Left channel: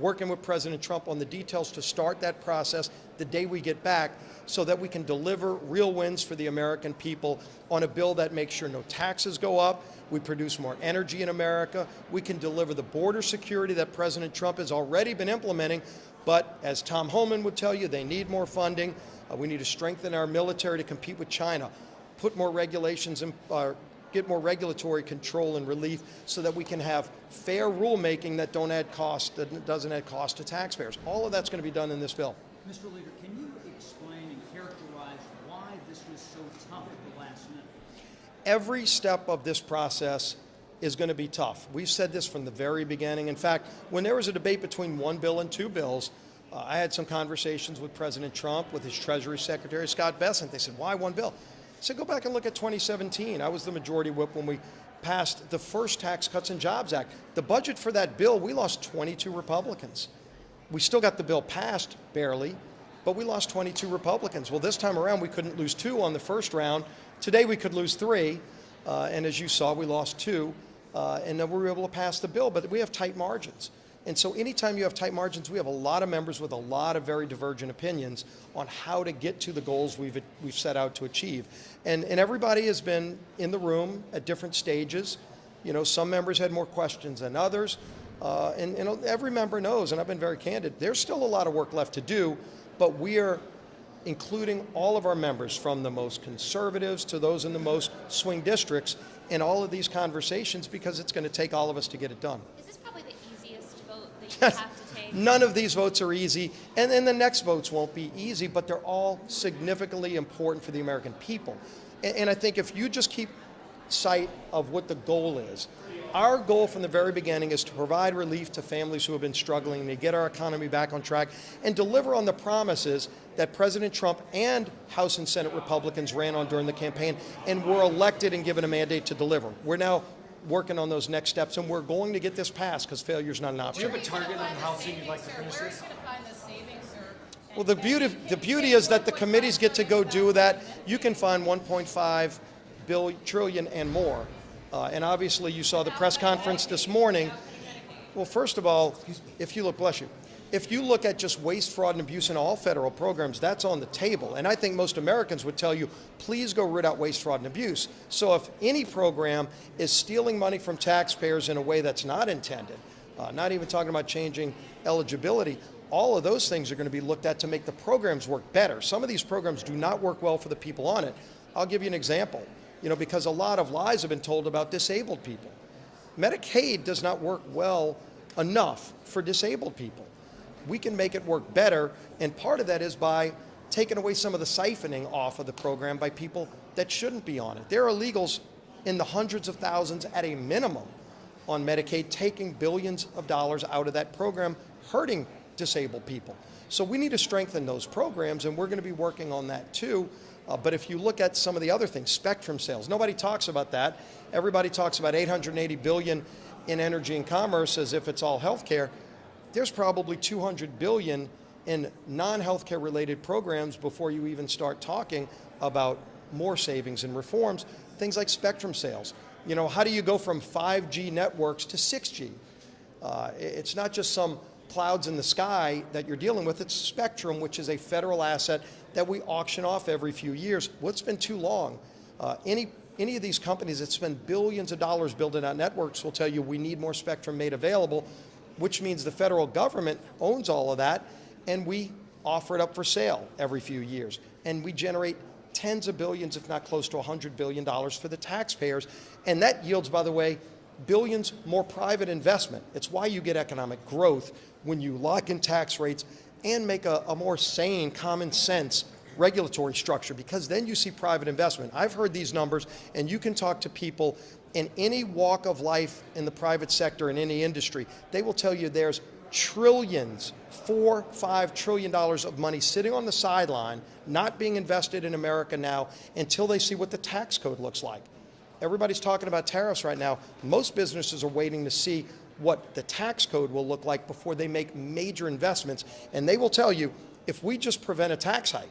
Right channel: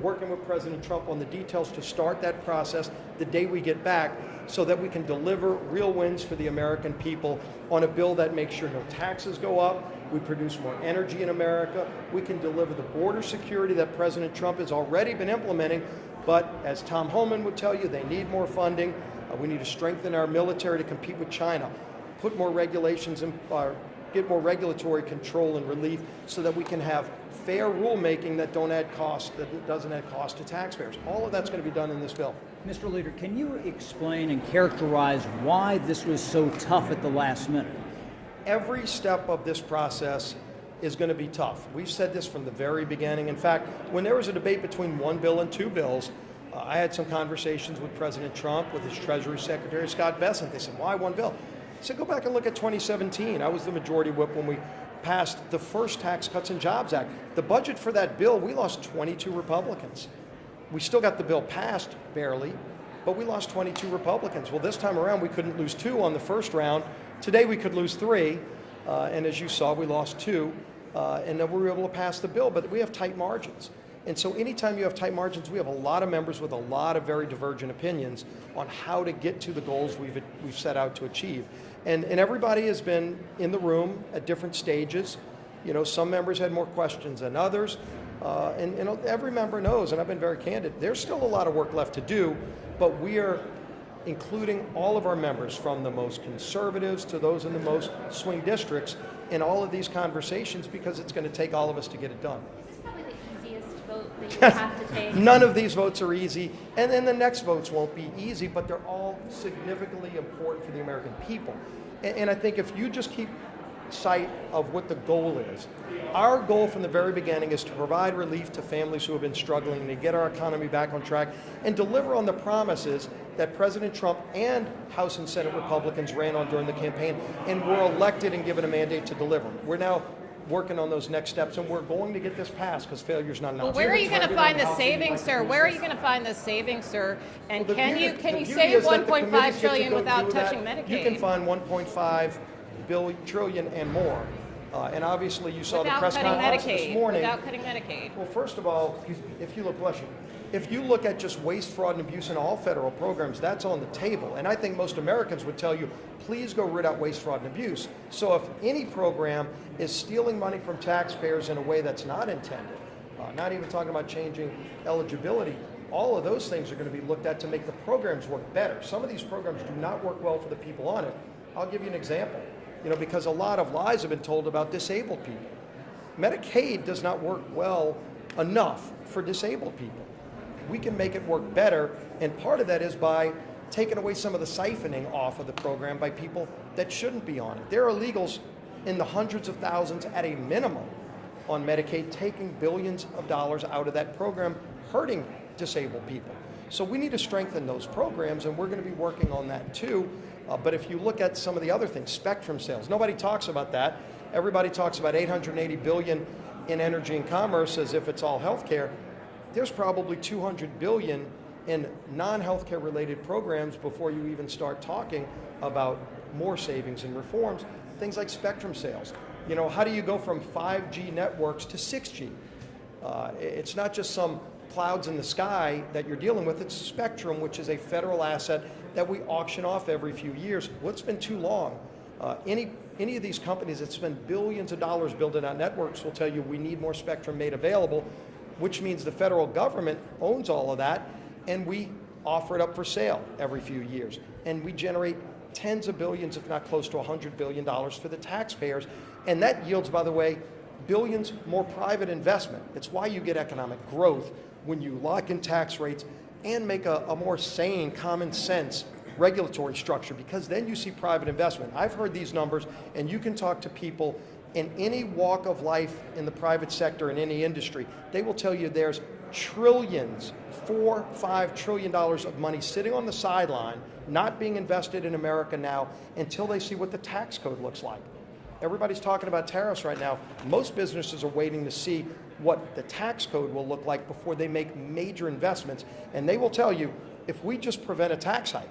working with President Trump on the details to start that process the day we get back so that we can deliver real wins for the American people on a bill that makes sure no taxes go up, we produce more energy in America, we can deliver the border security that President Trump has already been implementing, but as Tom Homan would tell you, they need more funding. We need to strengthen our military to compete with China, put more regulations in, get more regulatory control and relief so that we can have fair rulemaking that doesn't add cost to taxpayers. All of that's going to be done in this bill. Mr. Leader, can you explain and characterize why this was so tough at the last minute? Every step of this process is going to be tough. We've said this from the very beginning. In fact, when there was a debate between one bill and two bills, I had some conversations with President Trump, with his Treasury Secretary, Scott Bessent. They said, why one bill? I said, go back and look at 2017. I was the majority whip when we passed the first Tax Cuts and Jobs Act. The budget for that bill, we lost 22 Republicans. We still got the bill passed, barely, but we lost 22 Republicans. Well, this time around, we couldn't lose 2 on the first round. Today, we could lose 3, and as you saw, we lost 2, and then we were able to pass the bill, but we have tight margins. And so anytime you have tight margins, we have a lot of members with a lot of very divergent opinions on how to get to the goals we've set out to achieve. And everybody has been in the room at different stages. You know, some members had more questions than others. And you know, every member knows, and I've been very candid, there's still a lot of work left to do, but we are including all of our members, from the most conservatives to those in the most swing districts, in all of these conversations, because it's going to take all of us to get it done. Is this probably the easiest vote that you have to take? None of these votes are easy, and then the next votes won't be easy, but they're all significantly important for the American people. And I think if you just keep sight of what the goal is, our goal from the very beginning is to provide relief to families who have been struggling, to get our economy back on track, and deliver on the promises that President Trump and House and Senate Republicans ran on during the campaign and were elected and given a mandate to deliver. We're now working on those next steps, and we're going to get this passed, because failure is not an option. Where are you going to find the savings, sir? Where are you going to find the savings, sir? And well, the beauty is that the committees get to go do that. You can find 1.5 trillion and more. And obviously, you saw the press conference this morning. Without cutting Medicaid. Well, first of all, if you look, bless you, if you look at just waste, fraud, and abuse in all federal programs, that's on the table. And I think most Americans would tell you, please go root out waste, fraud, and abuse. So if any program is stealing money from taxpayers in a way that's not intended, not even talking about changing eligibility, all of those things are going to be looked at to make the programs work better. Some of these programs do not work well for the people on it. I'll give you an example. You know, because a lot of lies have been told about disabled people. Medicaid does not work well enough for disabled people. We can make it work better, and part of that is by taking away some of the siphoning off of the program by people that shouldn't be on it. There are illegals in the hundreds of thousands at a minimum on Medicaid, taking billions of dollars out of that program, hurting disabled people. So we need to strengthen those programs, and we're going to be working on that too. But if you look at some of the other things, spectrum sales, nobody talks about that. Everybody talks about $880 billion in energy and commerce as if it's all healthcare. There's probably $200 billion in non-healthcare related programs before you even start talking about more savings and reforms. Things like spectrum sales. You know, how do you go from 5G networks to 6G? It's not just some clouds in the sky that you're dealing with. It's spectrum, which is a federal asset that we auction off every few years. What's been too long? Any of these companies that spend billions of dollars building out networks will tell you we need more spectrum made available, which means the federal government owns all of that, and we offer it up for sale every few years. And we generate tens of billions, if not close to $100 billion for the taxpayers. And that yields, by the way, billions more private investment. It's why you get economic growth when you lock in tax rates and make a more sane, common sense regulatory structure, because then you see private investment. I've heard these numbers, and you can talk to people in any walk of life in the private sector, in any industry. They will tell you there's trillions, $4-5 trillion of money sitting on the sideline, not being invested in America now until they see what the tax code looks like. Everybody's talking about tariffs right now. Most businesses are waiting to see what the tax code will look like before they make major investments. And they will tell you, if we just prevent a tax hike,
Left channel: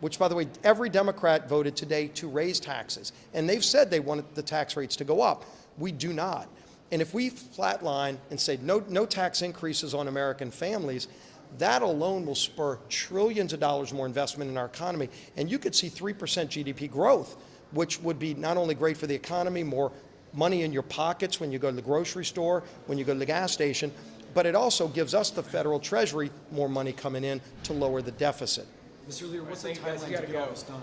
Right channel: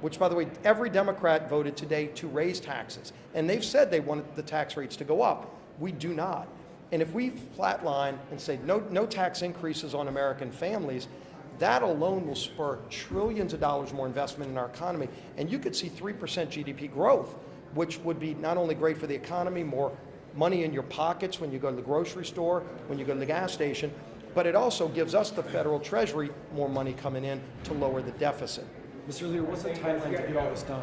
which, by the way, every Democrat voted today to raise taxes, and they've said they wanted the tax rates to go up. We do not. And if we flatline and say no tax increases on American families, that alone will spur trillions of dollars more investment in our economy. And you could see 3% GDP growth, which would be not only great for the economy, more money in your pockets when you go to the grocery store, when you go to the gas station, but it also gives us, the federal treasury, more money coming in to lower the deficit. Mr. Leader, what's the timeline to get all this done?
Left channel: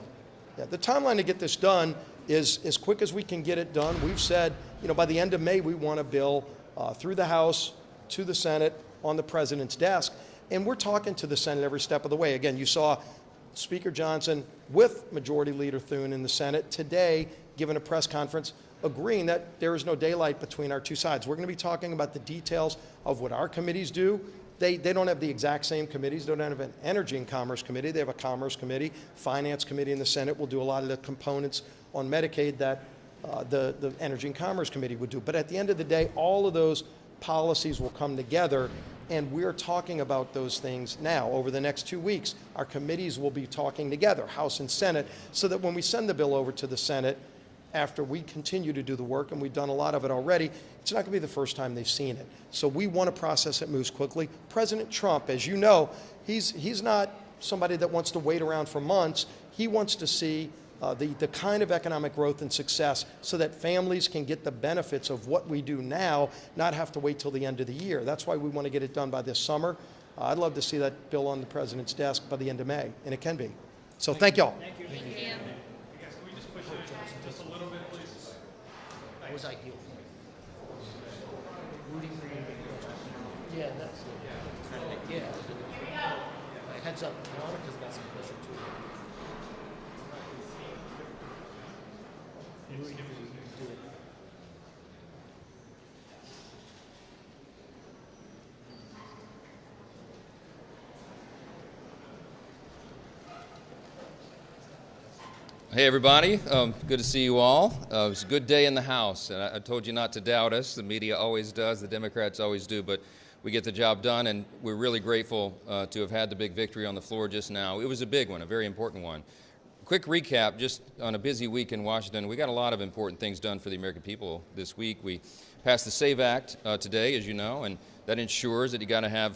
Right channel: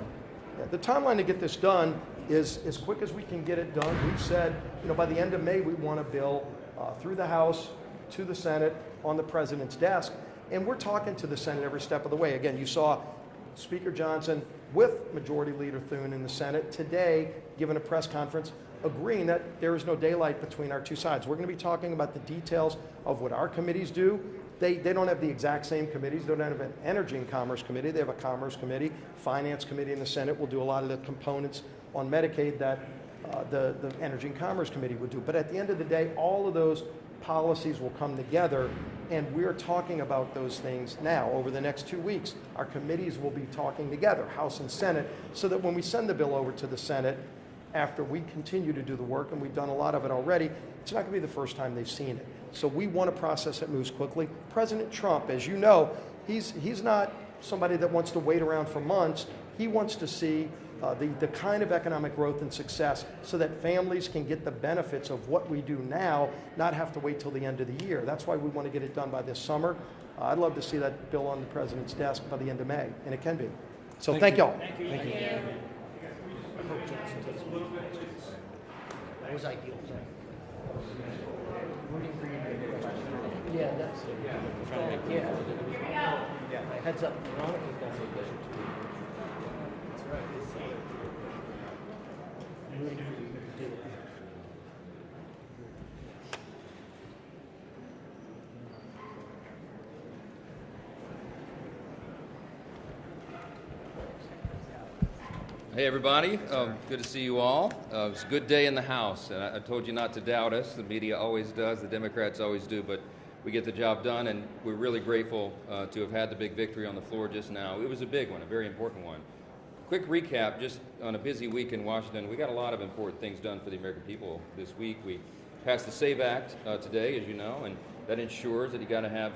Yeah, the timeline to get this done is as quick as we can get it done. We've said, by the end of May, we want a bill through the House to the Senate on the president's desk. And we're talking to the Senate every step of the way. Again, you saw Speaker Johnson with Majority Leader Thune in the Senate today giving a press conference agreeing that there is no daylight between our two sides. We're going to be talking about the details of what our committees do. They don't have the exact same committees. They don't have an Energy and Commerce Committee. They have a Commerce Committee. Finance Committee in the Senate will do a lot of the components on Medicaid that the Energy and Commerce Committee would do. But at the end of the day, all of those policies will come together, and we're talking about those things now. Over the next 2 weeks, our committees will be talking together, House and Senate, so that when we send the bill over to the Senate, after we continue to do the work, and we've done a lot of it already, it's not going to be the first time they've seen it. So we want a process that moves quickly. President Trump, as you know, he's not somebody that wants to wait around for months. He wants to see the kind of economic growth and success so that families can get the benefits of what we do now, not have to wait till the end of the year. That's why we want to get it done by this summer. I'd love to see that bill on the president's desk by the end of May, and it can be. So thank y'all. Thank you. That was ideal. Yeah, that's yeah. Heads up. Veronica's got some questions too. Hey everybody, good to see you all. It was a good day in the House, and I told you not to doubt us. The media always does, the Democrats always do, but we get the job done, and we're really grateful to have had the big victory on the floor just now. It was a big one, a very important one. Quick recap, just on a busy week in Washington, we got a lot of important things done for the American people this week. We passed the SAVE Act today, as you know, and that ensures that you got to have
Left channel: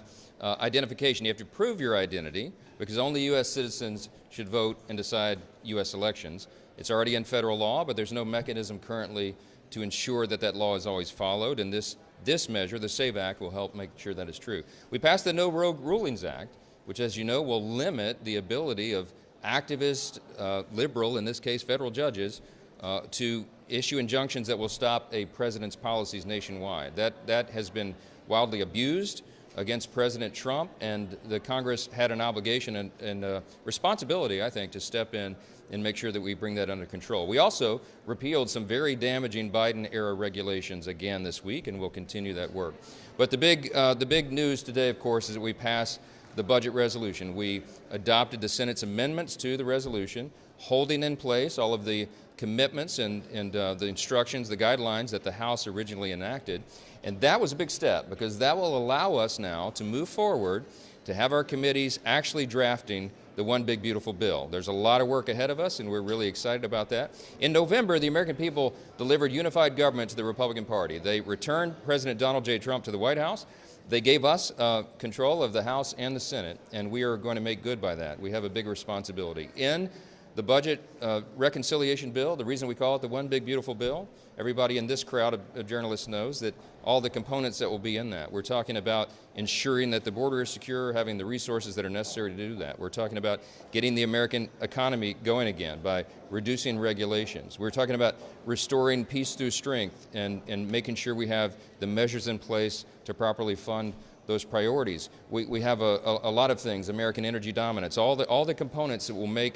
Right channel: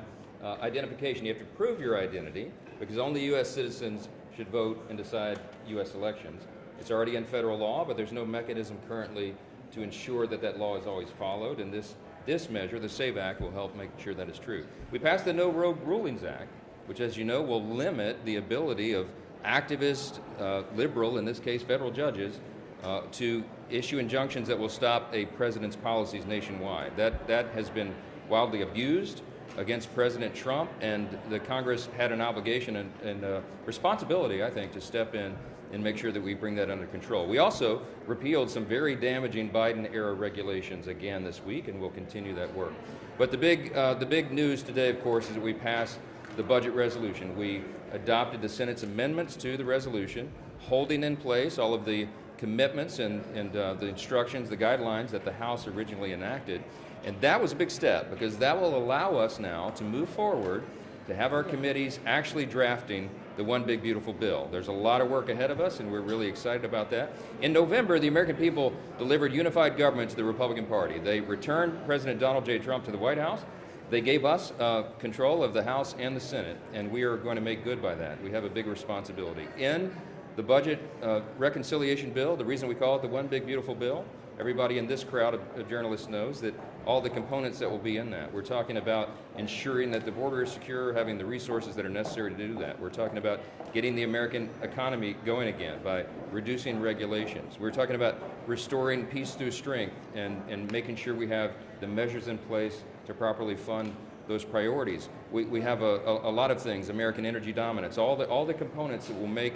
identification. You have to prove your identity, because only U.S. citizens should vote and decide U.S. elections. It's already in federal law, but there's no mechanism currently to ensure that that law is always followed, and this measure, the SAVE Act, will help make sure that is true. We passed the No Rogue Rulings Act, which, as you know, will limit the ability of activist, liberal, in this case federal judges, to issue injunctions that will stop a president's policies nationwide. That has been wildly abused against President Trump, and the Congress had an obligation and responsibility, I think, to step in and make sure that we bring that under control. We also repealed some very damaging Biden-era regulations again this week, and we'll continue that work. But the big news today, of course, is that we passed the budget resolution. We adopted the Senate's amendments to the resolution, holding in place all of the commitments and the instructions, the guidelines that the House originally enacted. And that was a big step, because that will allow us now to move forward, to have our committees actually drafting the one big beautiful bill. There's a lot of work ahead of us, and we're really excited about that. In November, the American people delivered unified government to the Republican Party. They returned President Donald J. Trump to the White House. They gave us control of the House and the Senate, and we are going to make good by that. We have a big responsibility. In the budget reconciliation bill, the reason we call it the one big beautiful bill, everybody in this crowd of journalists knows that all the components that will be in that. We're talking about ensuring that the border is secure, having the resources that are necessary to do that. We're talking about getting the American economy going again by reducing regulations. We're talking about restoring peace through strength and making sure we have the measures in place to properly fund those priorities. We have a lot of things, American energy dominance, all the components that will make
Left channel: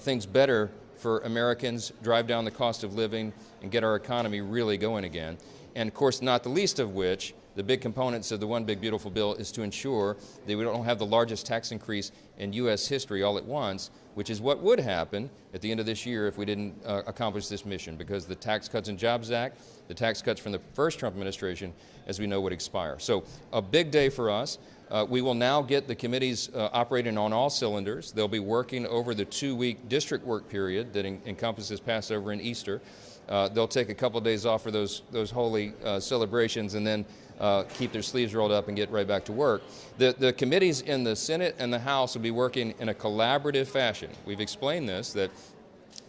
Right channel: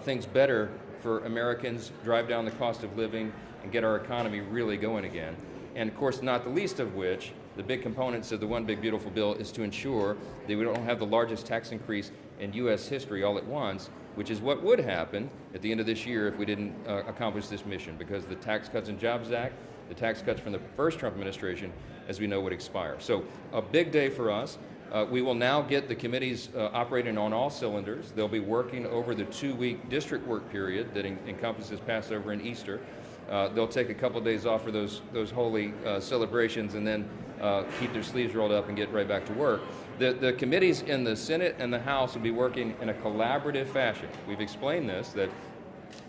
things better for Americans, drive down the cost of living, and get our economy really going again. And of course, not the least of which, the big components of the one big beautiful bill is to ensure that we don't have the largest tax increase in U.S. history all at once, which is what would happen at the end of this year if we didn't accomplish this mission, because the Tax Cuts and Jobs Act, the tax cuts from the first Trump administration, as we know, would expire. So a big day for us. We will now get the committees operating on all cylinders. They'll be working over the 2-week district work period that encompasses Passover and Easter. they'll take a couple of days off for those holy celebrations and then keep their sleeves rolled up and get right back to work. The committees in the Senate and the House will be working in a collaborative fashion. We've explained that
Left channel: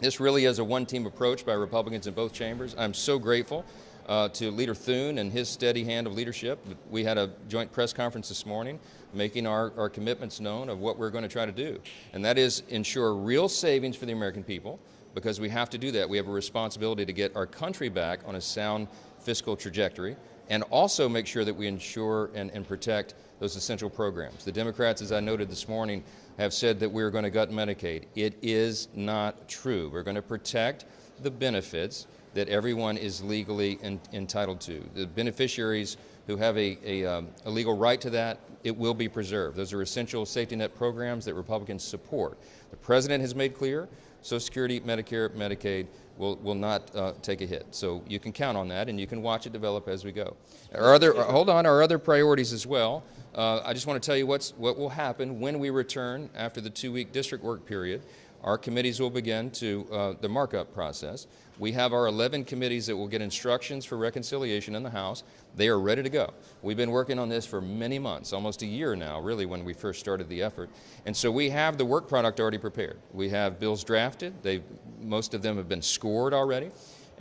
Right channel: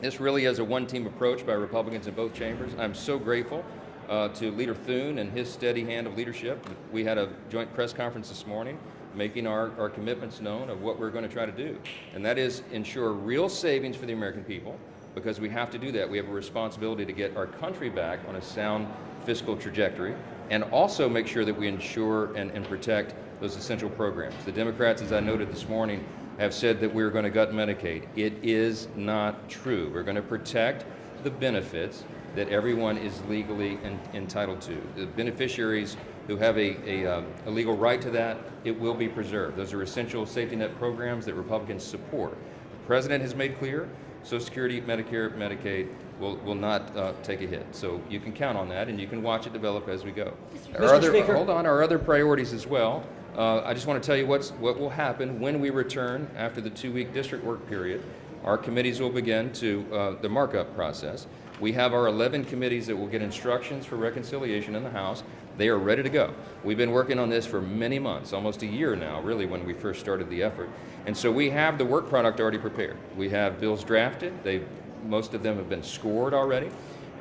this really is a one-team approach by Republicans in both chambers. I'm so grateful to Leader Thune and his steady hand of leadership. We had a joint press conference this morning making our commitments known of what we're going to try to do. And that is ensure real savings for the American people, because we have to do that. We have a responsibility to get our country back on a sound fiscal trajectory, and also make sure that we ensure and protect those essential programs. The Democrats, as I noted this morning, have said that we're going to gut Medicaid. It is not true. We're going to protect the benefits that everyone is legally entitled to. The beneficiaries who have a legal right to that, it will be preserved. Those are essential safety net programs that Republicans support. The President has made clear Social Security, Medicare, Medicaid will not take a hit. So you can count on that, and you can watch it develop as we go. Our other priorities as well. I just want to tell you what will happen when we return after the 2-week district work period. Our committees will begin the markup process. We have our 11 committees that will get instructions for reconciliation in the House. They are ready to go. We've been working on this for many months, almost a year now, really, when we first started the effort. And so we have the work product already prepared. We have bills drafted. Most of them have been scored already.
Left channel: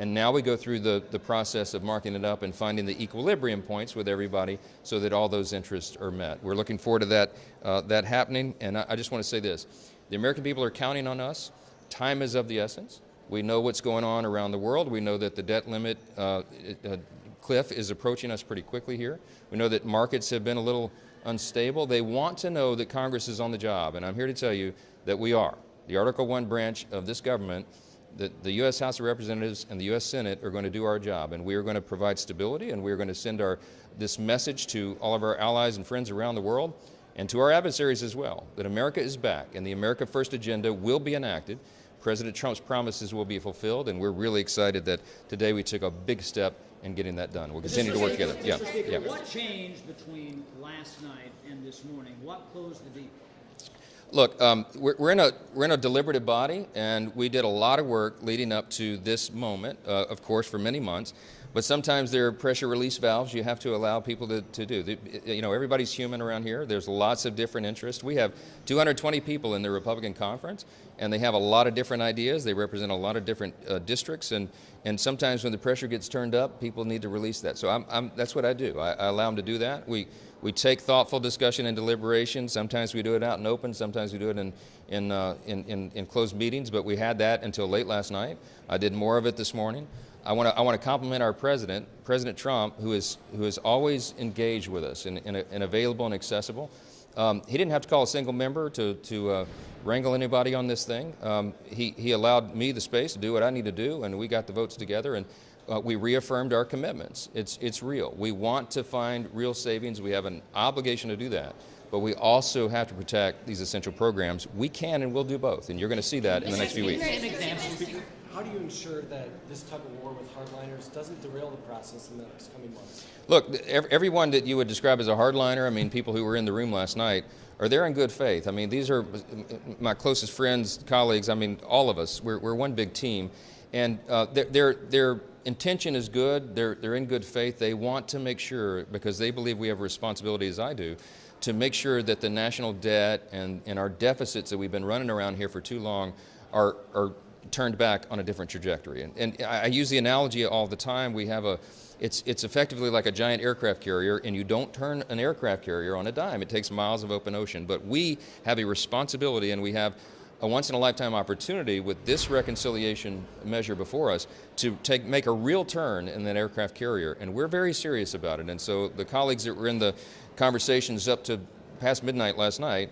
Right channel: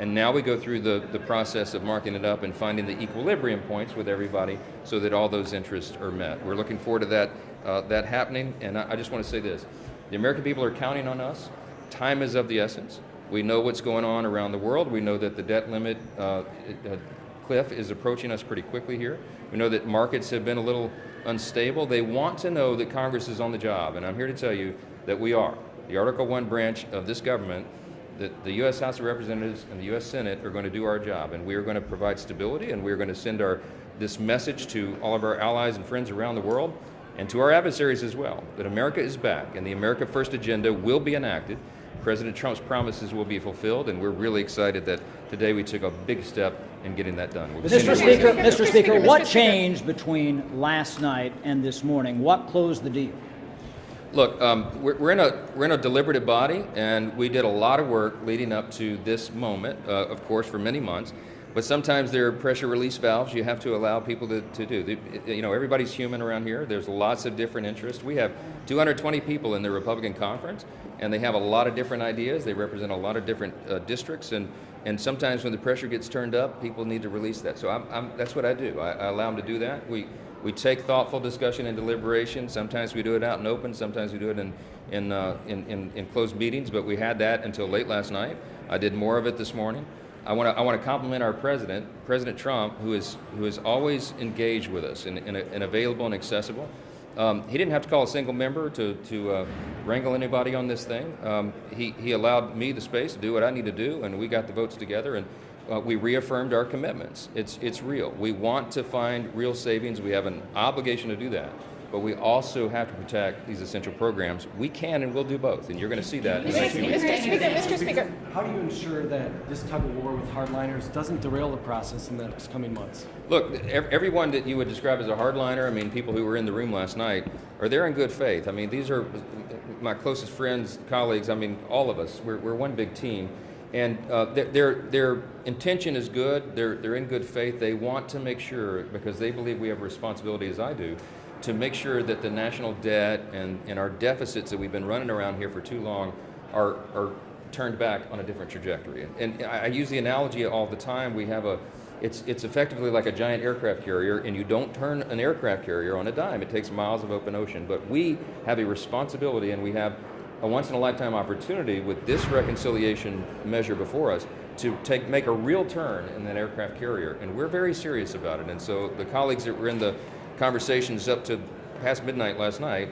And now we go through the process of marking it up and finding the equilibrium points with everybody so that all those interests are met. We're looking forward to that happening. And I just want to say this. The American people are counting on us. Time is of the essence. We know what's going on around the world. We know that the debt limit cliff is approaching us pretty quickly here. We know that markets have been a little unstable. They want to know that Congress is on the job, and I'm here to tell you that we are. The Article I branch of this government, the U.S. House of Representatives and the U.S. Senate are going to do our job, and we are going to provide stability, and we're going to send this message to all of our allies and friends around the world, and to our adversaries as well, that America is back, and the America First agenda will be enacted. President Trump's promises will be fulfilled, and we're really excited that today we took a big step in getting that done. Mr. Speaker, what changed between last night and this morning? What closed the deal? Look, we're in a deliberative body, and we did a lot of work leading up to this moment, of course, for many months. But sometimes there are pressure release valves you have to allow people to do. Everybody's human around here. There's lots of different interests. We have 220 people in the Republican conference, and they have a lot of different ideas. They represent a lot of different districts, and sometimes when the pressure gets turned up, people need to release that. So that's what I do. I allow them to do that. We take thoughtful discussion and deliberation. Sometimes we do it out in open. Sometimes we do it in closed meetings. But we had that until late last night. I did more of it this morning. I want to compliment our president, President Trump, who is always engaged with us and available and accessible. He didn't have to call a single member to wrangle anybody on this thing. He allowed me the space to do what I need to do, and we got the votes together, and we reaffirmed our commitments. It's real. We want to find real savings. We have an obligation to do that. But we also have to protect these essential programs. We can and will do both, and you're going to see that in the next few weeks. Mr. Speaker. How do you ensure that this type of war with hardliners doesn't derail the process in the coming months? Look, everyone that you would describe as a hardliner, people who were in the room last night, are there in good faith. These are my closest friends, colleagues. All of us. We're one big team. And their intention is good. They're in good faith. They want to make sure, because they believe we have a responsibility, as I do, to make sure that the national debt and our deficits that we've been running around here for too long are turned back on a different trajectory. And I use the analogy all the time. It's effectively like a giant aircraft carrier, and you don't turn an aircraft carrier on a dime. It takes miles of open ocean. But we have a responsibility, and we have a once-in-a-lifetime opportunity with this reconciliation measure before us to make a real turn in that aircraft carrier. And we're very serious about it. And so the colleagues that were in the conversations up to past midnight last night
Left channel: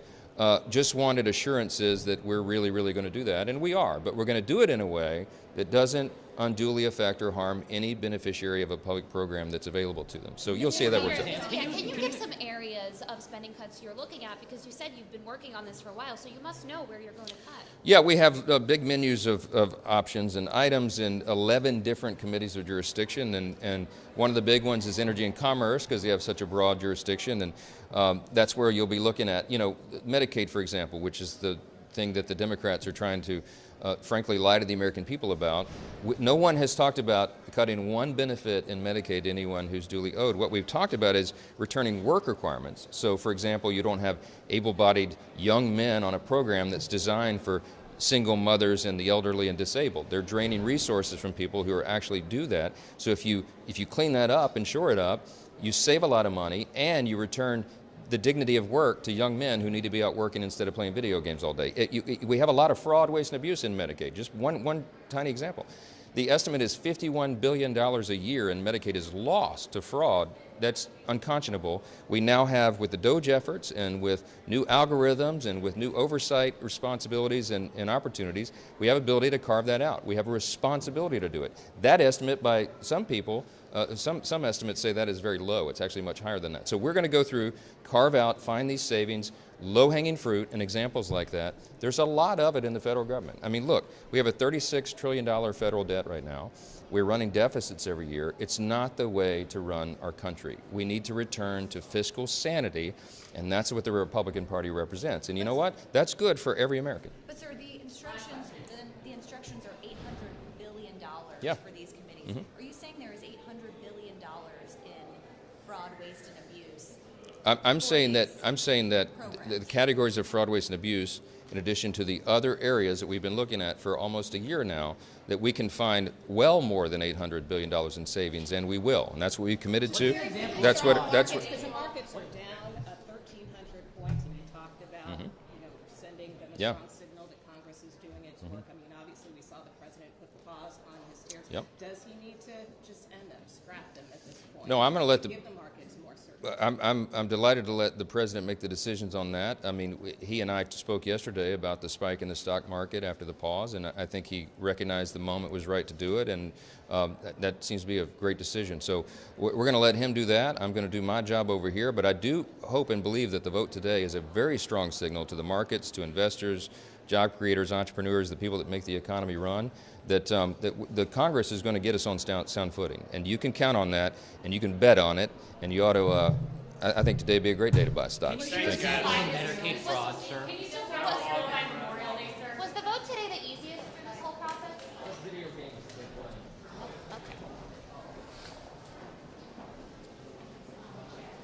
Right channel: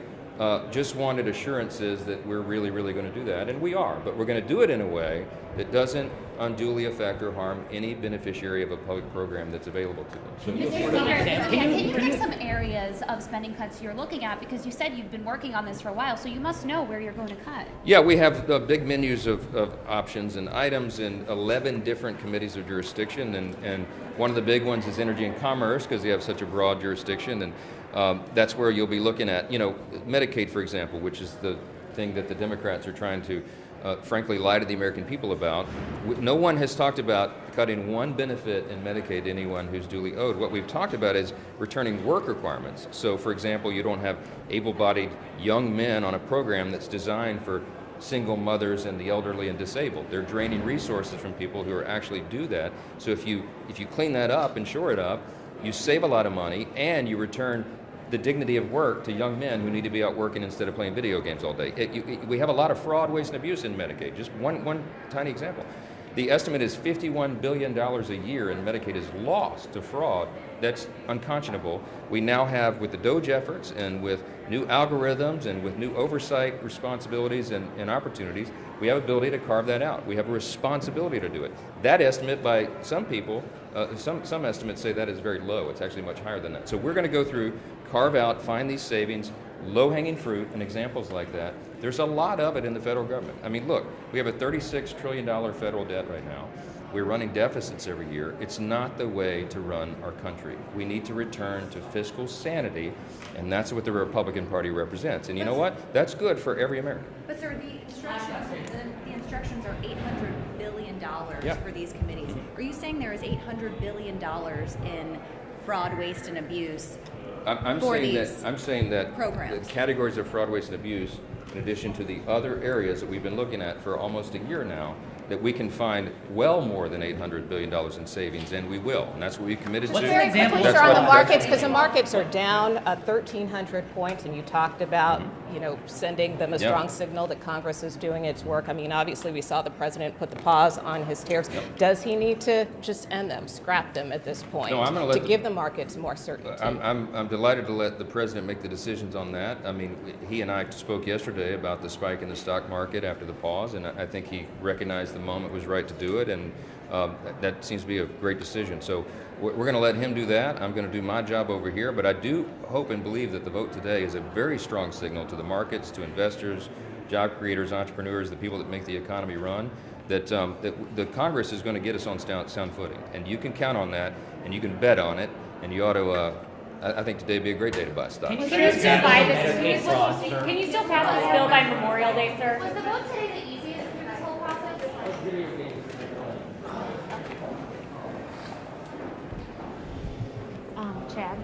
just wanted assurances that we're really, really going to do that, and we are. But we're going to do it in a way that doesn't unduly affect or harm any beneficiary of a public program that's available to them. So you'll see that. Can you give some areas of spending cuts you're looking at? Because you said you've been working on this for a while, so you must know where you're going to cut. Yeah, we have big menus of options and items in 11 different committees of jurisdiction, and one of the big ones is energy and commerce, because they have such a broad jurisdiction, and that's where you'll be looking at, Medicaid, for example, which is the thing that the Democrats are trying to frankly, lie to the American people about. No one has talked about cutting one benefit in Medicaid to anyone who's duly owed. What we've talked about is returning work requirements. So, for example, you don't have able-bodied young men on a program that's designed for single mothers and the elderly and disabled. They're draining resources from people who are actually do that. So if you clean that up and shore it up, you save a lot of money and you return the dignity of work to young men who need to be out working instead of playing video games all day. We have a lot of fraud, waste, and abuse in Medicaid. Just one tiny example. The estimate is $51 billion a year in Medicaid is lost to fraud. That's unconscionable. We now have, with the DOGE efforts and with new algorithms and with new oversight responsibilities and opportunities, we have ability to carve that out. We have a responsibility to do it. That estimate by some people, some estimates say that is very low. It's actually much higher than that. So we're going to go through, carve out, find these savings, low-hanging fruit, and examples like that. There's a lot of it in the federal government. I mean, look, we have a $36 trillion federal debt right now. We're running deficits every year. It's not the way to run our country. We need to return to fiscal sanity, and that's what the Republican Party represents. And you know what? That's good for every American. But sir, the instructions are $800 billion for these committees. Are you saying there is $800 billion in fraud, waste, and abuse? I'm saying that programs. the categories of fraud, waste, and abuse, in addition to the other areas that we've been looking at for almost a year now, that we can find well more than $800 billion in savings, and we will. And that's what we committed to. Very quickly, That's sir, on the what- markets, because the markets are down 1,300 points, and you talked about, sending them a Yeah. strong signal that Congress is doing its work. I mean, obviously, we saw the president put the pause on his tariffs. Yep. Does he need to just end them, scrap them at this point, No, I'm gonna let to give the markets more certainty? I'm delighted to let the president make the decisions on that. I mean, he and I spoke yesterday about the spike in the stock market after the pause, and I think he recognized the moment was right to do it, and that seems to be a great decision. So we're going to let him do that. I'm going to do my job over here, but I do hope and believe that the vote today is a very strong signal to the markets, to investors, job creators, entrepreneurs, the people that make the economy run, that the Congress is going to get us on sound footing. And you can count on that, and you can bet on it, and you ought to, I think today would be a great day to buy stocks. Can you still buy this? Can you still pass this bill by Memorial Day, sir? Was the vote today the easiest through this whole process? Chad?